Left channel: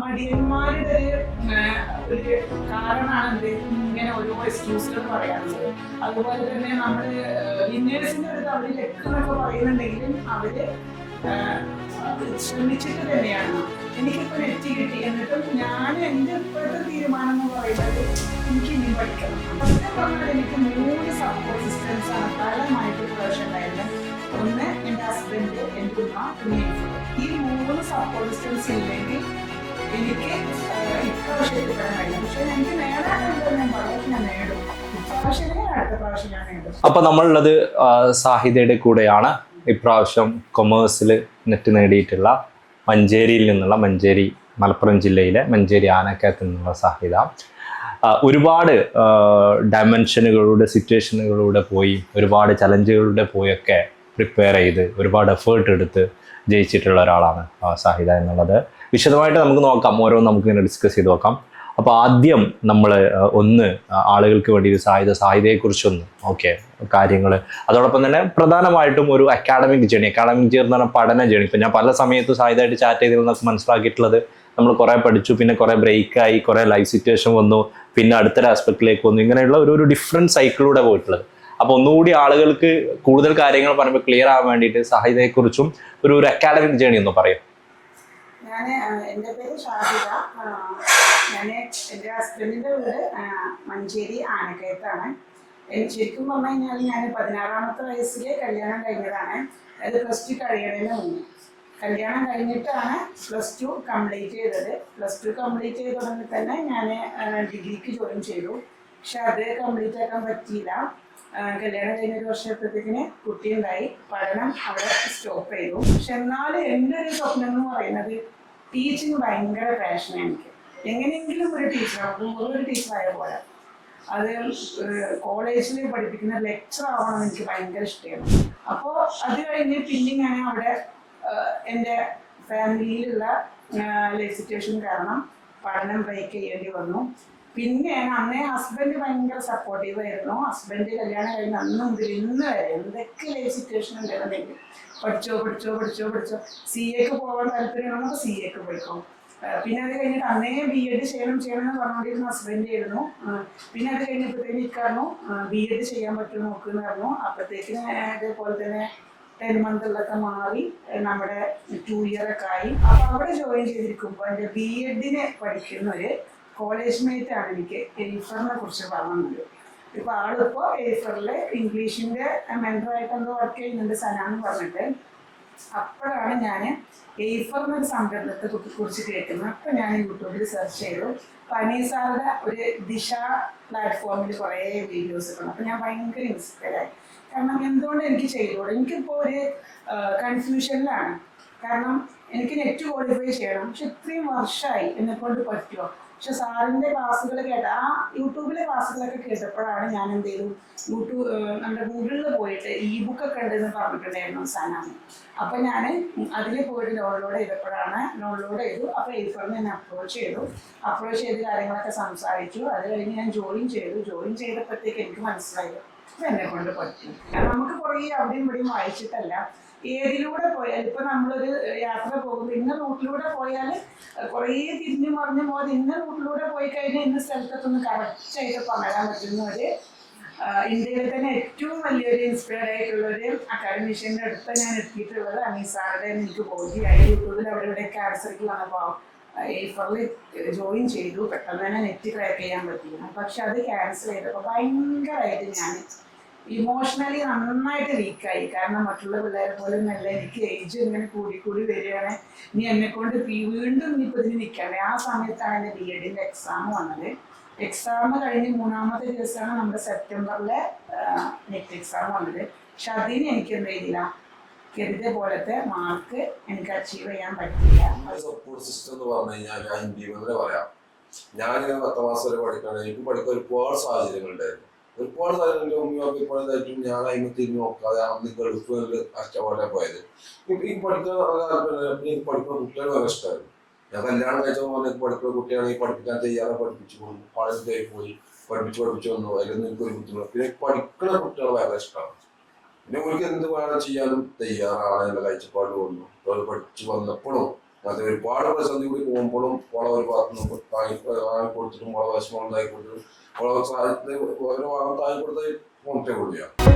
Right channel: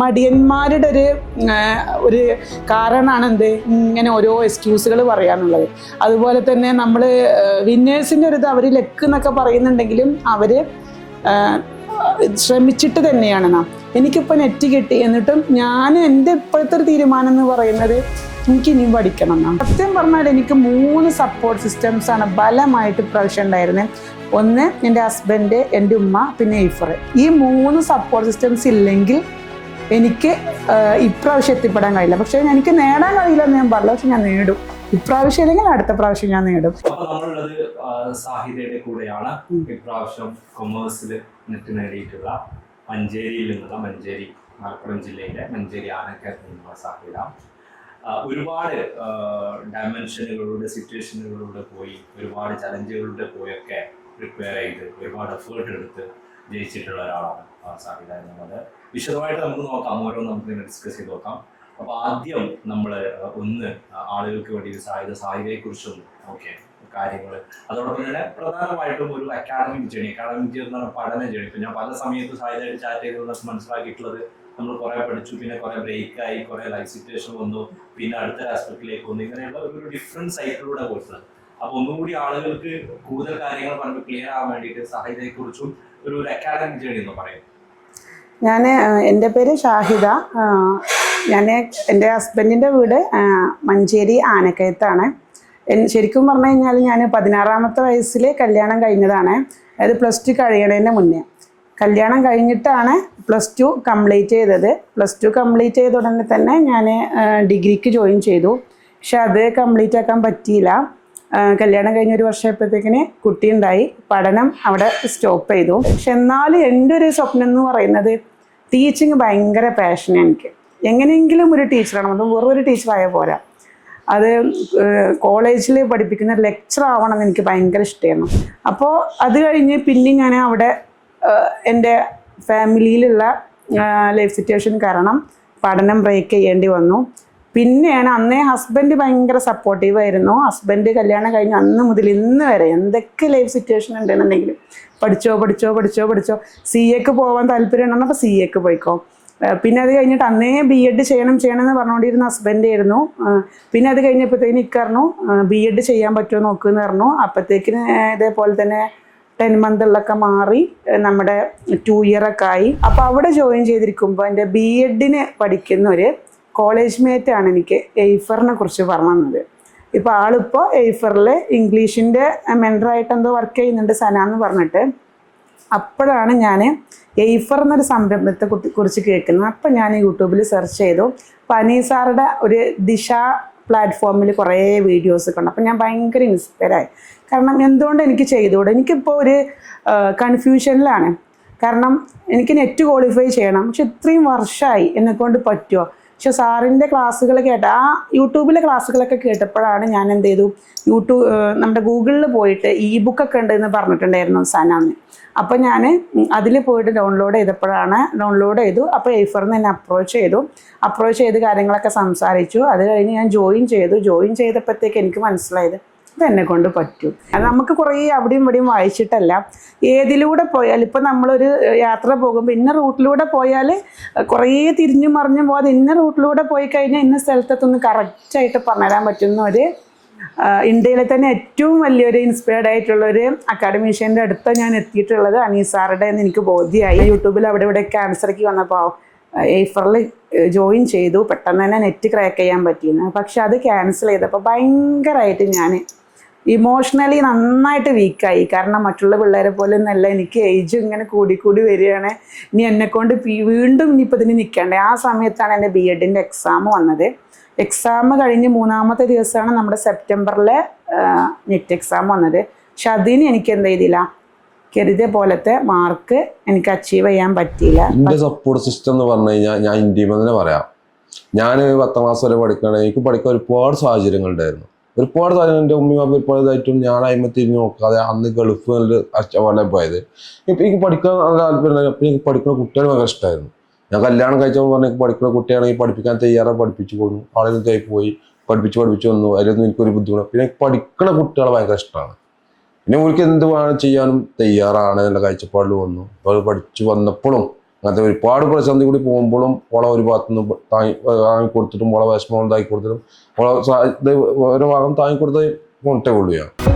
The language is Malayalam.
മടിയന്മാരുടെ ഒരു ഒരു കാരണമാണ് എന്ത്? ഇങ്ങനെ ഓരോ എക്സ്ക്യൂസുകൾ പറയാനുള്ളത്. അതുപോലെ തന്നെ നമ്മൾ വിന്നേഴ്സിന്റെ ഒരു ഇത് അവർ ലെക്ക് എന്നൊക്കെ പറയുന്നുണ്ടെങ്കിലും അവർ ശ്രമിച്ചിട്ട് തന്നെയാണ് നാം. എനിക്കിപ്പോൾ നെറ്റ് കിട്ടി. എന്നിട്ടും ഞാൻ എന്റെ ഇപ്പോഴത്തെ ഒരു തീരുമാനം എന്ന് പറയുന്നത് എനിക്ക് ഇനിയും പഠിക്കണം എന്നാണ്. സത്യം പറഞ്ഞാൽ എനിക്ക് മൂന്ന് സപ്പോർട്ട് സിസ്റ്റംസ് ആണ് ബലമായിട്ട് പ്രാവശ്യം ഉണ്ടായിരുന്നത് ഒന്ന് എന്റെ ഹസ്ബൻഡ് എന്റെ ഉമ്മ പിന്നെ ഈഫർ ഈ മൂന്ന് സപ്പോർട്ട് സിസ്റ്റംസ് ഇല്ലെങ്കിൽ എനിക്ക് ഇപ്രാവശ്യം എത്തിപ്പെടാൻ കഴിയില്ല. പക്ഷെ എനിക്ക് നേടാൻ കഴിയില്ല ഞാൻ പറഞ്ഞു പക്ഷെ ഞാൻ നേടും. ഇപ്രാവശ്യം അല്ലെങ്കിൽ അടുത്ത പ്രാവശ്യം ഞാൻ നേടും. അപ്പൊ നമ്മളുള്ളത് സാഹിതയുടെ കൂടെയാണ്. ഇപ്രാവശ്യം കൊമേഴ്സിൽ നെറ്റ് നേടിയിട്ടുള്ള മഞ്ചേരിയിൽ നിന്നുള്ള മഞ്ചേരി മലപ്പുറം ജില്ലയിലെ മഞ്ചേരി ആനക്കയത്ത് നിന്നുള്ള സാഹിത. ഒരുപാട് ഡയമെൻഷനുകളുടെ സിറ്റുവേഷനുകളിലൂടെ പോയി ഒരുപാട് ചലഞ്ചുകളിലൂടെ പോയൊക്കെ പ്രിപ്പയർ ചെയ്ത് ഒരുപാട് എഫേർട്ട് എടുത്ത് ജയിച്ചിട്ടുള്ള ഒരാളാണ് സാഹിദ സാഹിത എന്നുള്ളത്. വിശദമായിട്ട് നമുക്ക് നോക്കാം ഓരോ നമുക്ക് ഇങ്ങനെ ഡിസ്കസ് ചെയ്ത് നോക്കാം. അപ്പോൾ ആദ്യം നമ്മൾ ഒന്ന് ആളുകൾക്ക് വേണ്ടി ഒരു സാഹിത്യ സാഹിത്യയെക്കുറിച്ചൊന്ന് ഓക്കെ കാര്യങ്ങൾ അതോടൊപ്പം തന്നെ പ്രധാനമായിട്ടും ഒരു അക്കാഡമിക് ജേണി അക്കാഡമിക് ജേണി എന്ന് പറഞ്ഞാൽ പഠന ജേണി ഇപ്പം ഞാൻ പല സമയത്തും സാഹിത്യമായിട്ട് ചാറ്റ് ചെയ്തതിൽ നിന്നൊക്കെ മനസ്സിലാക്കിയിട്ടുള്ളത് നമ്മൾ കുറേ പഠിച്ചു പിന്നെ കുറേ ബ്രേക്കായി കുറേ ലൈഫ് സിറ്റുവേഷൻ വന്നു പിന്നെ അടുത്തൊരു ആസ്പെക്റ്റിലേക്ക് വന്നു. ഇങ്ങനെയുള്ള ഒരു ഒരു ഡിഫറെന്റ് സൈക്കിളിലൂടെ പോയിട്ടുള്ളത്. അപ്പോൾ ഒന്നുകൂടി ആളുകൾക്ക് കൂടുതൽ കാര്യങ്ങൾ പറയുമ്പോൾ ക്ലിയർ ആവാൻ വേണ്ടിയിട്ട് സാഹിതയെ കുറിച്ചും ഒരു അക്കാഡമിക് ജേണി എന്ന് പറയും. ഞാൻ എന്റെ പേര് ഷാഹിദ. ഞാൻ എന്റെ ഹസ്ബൻഡിന്റെ വീട് മഞ്ചേരി ആനക്കയത്താണ്. ശരിക്കും പറഞ്ഞു കഴിഞ്ഞാൽ ഞാൻ പതിനാറാമത്തെ വയസ്സിൽ കല്യാണം കഴിഞ്ഞതാണ്. അതായത് പ്ലസ് ടു കഴിയണതിന് മുന്നേ. കല്യാണം കഴിഞ്ഞിട്ടാണ് പ്ലസ് ടു കംപ്ലീറ്റ് ചെയ്തത്. പ്ലസ് ടു കംപ്ലീറ്റ് ചെയ്ത ഉടനെ തന്നെ ഞാൻ ഡിഗ്രിക്ക് ജോയിൻ ചെയ്തു. പക്ഷെ അത് കംപ്ലീറ്റ് ആക്കാൻ പറ്റിയില്ല. കല്യാണം കഴിഞ്ഞ ഒരു വർഷമായപ്പോഴത്തേക്കിന് കുട്ടി ഉണ്ടായി പഠനം അവിടെ സ്റ്റോപ്പ് ചെയ്തു. പക്ഷെ എന്നാലും എന്റെ ഒരു സ്വപ്നം എന്ന് പറയുന്നത് ടീച്ചിങ് ഭയങ്കര പാഷനാണ് എനിക്ക്. എങ്ങനെയെങ്കിലും ഒരു ടീച്ചറാണ് അത് വെറും ഒരു ടീച്ചറായ പോരാ. അത് കോളേജിൽ പഠിപ്പിക്കുന്ന ലെക്ചർ ആവണം എനിക്ക് ഭയങ്കര ഇഷ്ടമായിരുന്നു അപ്പോൾ അത് കഴിഞ്ഞ് പിന്നെ ഞാൻ അവിടെ എന്റെ ഫാമിലിയിലുള്ള ലൈഫ് സിറ്റുവേഷൻ കാരണം പഠനം ബ്രേക്ക് ചെയ്യേണ്ടി വന്നു. പിന്നെയാണ് അന്നേ ഹസ്ബൻഡ് ഭയങ്കര സപ്പോർട്ടീവ് ആയിരുന്നു. ഹസ്ബൻഡ് കല്യാണം കഴിഞ്ഞ് അന്ന് മുതൽ ഇന്ന് വരെ എന്തൊക്കെ ലൈഫ് സിറ്റുവേഷൻ ഉണ്ടെന്നുണ്ടെങ്കിലും പഠിച്ചോ പഠിച്ചോ പഠിച്ചോ പഠിച്ചോ സി എക്ക് പോകാൻ താല്പര്യം ഉണ്ടെന്നപ്പോൾ സി എക്ക് പോയിക്കോ. പിന്നെ അത് കഴിഞ്ഞിട്ട് അന്നേ ബി എഡ് ചെയ്യണം ചെയ്യണം എന്ന് പറഞ്ഞുകൊണ്ടിരുന്ന ഹസ്ബൻഡ് ആയിരുന്നു. പിന്നെ അത് കഴിഞ്ഞപ്പോഴത്തേക്കിന് ഇക്കറിഞ്ഞു ബി എഡ് ചെയ്യാൻ പറ്റുമോ നോക്കുമെന്ന് പറഞ്ഞു. അപ്പോഴത്തേക്കിന് ഇതേപോലെ തന്നെ ടെൻ മന്തിലൊക്കെ മാറി നമ്മുടെ ടു ഇയറൊക്കെ ആയി. അപ്പോൾ അവിടെ ജോയിൻ ചെയ്തിരിക്കുമ്പോൾ എന്റെ ബി എഡിന് പഠിക്കുന്ന ഒരു കോളേജ് ആണ് എനിക്ക് എയ്ഫറിനെ കുറിച്ച് പറഞ്ഞു തന്നത് ഇപ്പോൾ ആളിപ്പോൾ എയ്ഫറിൽ ഇംഗ്ലീഷിന്റെ മെന്ററായിട്ട് എന്തോ വർക്ക് ചെയ്യുന്നുണ്ട് സന എന്ന് പറഞ്ഞിട്ട്. അപ്പോഴാണ് ഞാൻ എയ്ഫർ എന്നൊരു സംരംഭത്തെ കുറിച്ച് കേൾക്കുന്നത്. അപ്പം ഞാൻ യൂട്യൂബിൽ സെർച്ച് ചെയ്തു. അപ്പോൾ അനീസാറുടെ ഒരു ദിശ പ്ലാറ്റ്ഫോമിൽ കുറേ വീഡിയോസ് കണ്ടു അപ്പം ഞാൻ ഭയങ്കര ഇൻസ്പയറായി കാരണം എന്തുകൊണ്ട് എനിക്ക് ചെയ്തുകൂടെ? എനിക്കിപ്പോൾ ഒരു കൺഫ്യൂഷനിലാണ് കാരണം എനിക്ക് നെറ്റ് ക്വാളിഫൈ ചെയ്യണം. പക്ഷെ ഇത്രയും വർഷമായി എന്നെക്കൊണ്ട് പറ്റുമോ പക്ഷെ സാറിന്റെ ക്ലാസ്സുകൾ കേട്ട ആ യൂട്യൂബിലെ ക്ലാസ്സുകളൊക്കെ കേട്ടപ്പോഴാണ് ഞാൻ എന്ത് ചെയ്തു? യൂട്യൂബ് നമ്മുടെ ഗൂഗിളിൽ പോയിട്ട് ഇ ബുക്കൊക്കെ ഉണ്ട് എന്ന് പറഞ്ഞിട്ടുണ്ടായിരുന്നു സനാന്ന്. അപ്പോൾ ഞാൻ അതിൽ പോയിട്ട് ഡൗൺലോഡ് ചെയ്തപ്പോഴാണ് ഡൗൺലോഡ് ചെയ്തു. അപ്പോൾ എയ്ഫറിന് എന്നെ അപ്രോച്ച് ചെയ്തു. അപ്രോച്ച് ചെയ്ത് കാര്യങ്ങളൊക്കെ സംസാരിച്ചു. അത് കഴിഞ്ഞ് ഞാൻ ജോയിൻ ചെയ്തു. ജോയിൻ ചെയ്തപ്പോഴത്തേക്ക് എനിക്ക് മനസ്സിലായത് ഇത് എന്നെ കൊണ്ട് പറ്റും. അത് നമുക്ക് കുറേ അവിടെയും ഇവിടെയും വായിച്ചിട്ടല്ല. ഏതിലൂടെ പോയാൽ ഇപ്പം നമ്മളൊരു യാത്ര പോകുമ്പോൾ ഇന്ന റൂട്ടിലൂടെ പോയാൽ കുറേ തിരിഞ്ഞു മറിഞ്ഞു പോകാതെ ഇന്ന റൂട്ടിലൂടെ പോയി കഴിഞ്ഞാൽ ഇന്ന സ്ഥലത്തൊന്ന് കറക്റ്റായിട്ട് പറഞ്ഞുതരാൻ പറ്റുന്ന ഒരു ഇന്ത്യയിലെ തന്നെ ഏറ്റവും വലിയൊരു ഇൻസ്പയർഡ് ആയിട്ടുള്ള ഒരു അക്കാഡമീഷ്യന്റെ അടുത്ത് ഞാൻ എത്തിയിട്ടുള്ളത് അനീസാറുടെ എന്ന് എനിക്ക് ബോധ്യമായി. യൂട്യൂബിൽ അവിടെ ഇവിടെ ക്യാൻസർക്ക് വന്നപ്പോൾ ഏഫറിൽ ജോയിൻ ചെയ്തു. പെട്ടെന്ന് തന്നെ നെറ്റ് ക്രാക്ക് ചെയ്യാൻ പറ്റിയിരുന്നു പക്ഷെ അത് ക്യാൻസൽ ചെയ്തപ്പോൾ ഭയങ്കരമായിട്ട് ഞാൻ ഇമോഷണലി നന്നായിട്ട് വീക്കായി കാരണം മറ്റുള്ള പിള്ളേരെ പോലെ ഒന്നല്ല. എനിക്ക് ഏജ് ഇങ്ങനെ കൂടിക്കൂടി കൂടി വരികയാണ്. ഇനി എന്നെക്കൊണ്ട് കൊണ്ട് വീണ്ടും ഇനിയിപ്പോൾ ഇതിന് നിൽക്കണ്ടേ ആ സമയത്താണ് എന്റെ ബി എഡിന്റെ എക്സാം വന്നത്. എക്സാം കഴിഞ്ഞ് മൂന്നാമത്തെ ദിവസമാണ് നമ്മുടെ സെപ്റ്റംബറിലെ നെറ്റ് എക്സാം വന്നത്. പക്ഷെ അതിന് എനിക്ക് എന്ത് ചെയ്തില്ല? കരുതിയ പോലത്തെ മാർക്ക് എനിക്ക് അച്ചീവ് ചെയ്യാൻ പറ്റിയില്ല. എന്റെ സപ്പോർട്ട് സിസ്റ്റം എന്ന് പറഞ്ഞു കഴിഞ്ഞാൽ ഞാൻ ഇന്ത്യയിൽ തന്നെ പറയാം. ഞാൻ പത്താം ക്ലാസ് വരെ പഠിക്കണേ. എനിക്ക് പഠിക്കാൻ ഒരുപാട് സാഹചര്യങ്ങളുണ്ടായിരുന്നു ഒരുപാട് കാലം എന്റെ ഉമ്മയും അമ്മയും ഒരുപാട് ഇതായിട്ടും ഞാൻ തിരിഞ്ഞ് നോക്കാതെ അന്ന് ഗൾഫ് നല്ല അച്ചവണ്ണം പോയത്. ഇപ്പം എനിക്ക് പഠിക്കാൻ നല്ല താല്പര്യം അപ്പം എനിക്ക് പഠിക്കുന്ന കുട്ടികൾ ഭയങ്കര ഇഷ്ടമായിരുന്നു ഞാൻ കല്യാണം കഴിച്ചപ്പോൾ പറഞ്ഞ പഠിക്കുന്ന കുട്ടിയാണെങ്കിൽ പഠിപ്പിക്കാൻ തയ്യാറായി പഠിപ്പിച്ചു പോന്നു കോളേജിൽ പോയി പോയി പഠിപ്പിച്ച് പഠിപ്പിച്ച് വന്നു. അതിലൊന്നും എനിക്കൊരു ബുദ്ധിമുട്ട് പിന്നെ പഠിക്കുന്ന കുട്ടികളെ ഭയങ്കര ഇഷ്ടമാണ് പിന്നെ അവർക്ക് എന്ത് വേണം ചെയ്യാനും തയ്യാറാണ് എന്നുള്ള കാഴ്ചപ്പാടിൽ വന്നു. അപ്പോൾ പഠിച്ചു വന്നപ്പോഴും അങ്ങനത്തെ ഒരുപാട് പ്രതിസന്ധി കൂടി പോകുമ്പോഴും ഓളെ ഒരു ഭാഗത്തു നിന്ന് താങ്ങി താങ്ങി കൊടുത്തിട്ടും ഓളെ വിഷമം ഉണ്ടാക്കി കൊടുത്തിട്ടും ഓളെ ഒരു ഭാഗം താങ്ങി കൊടുത്ത് കൊണ്ടേ ഞാൻ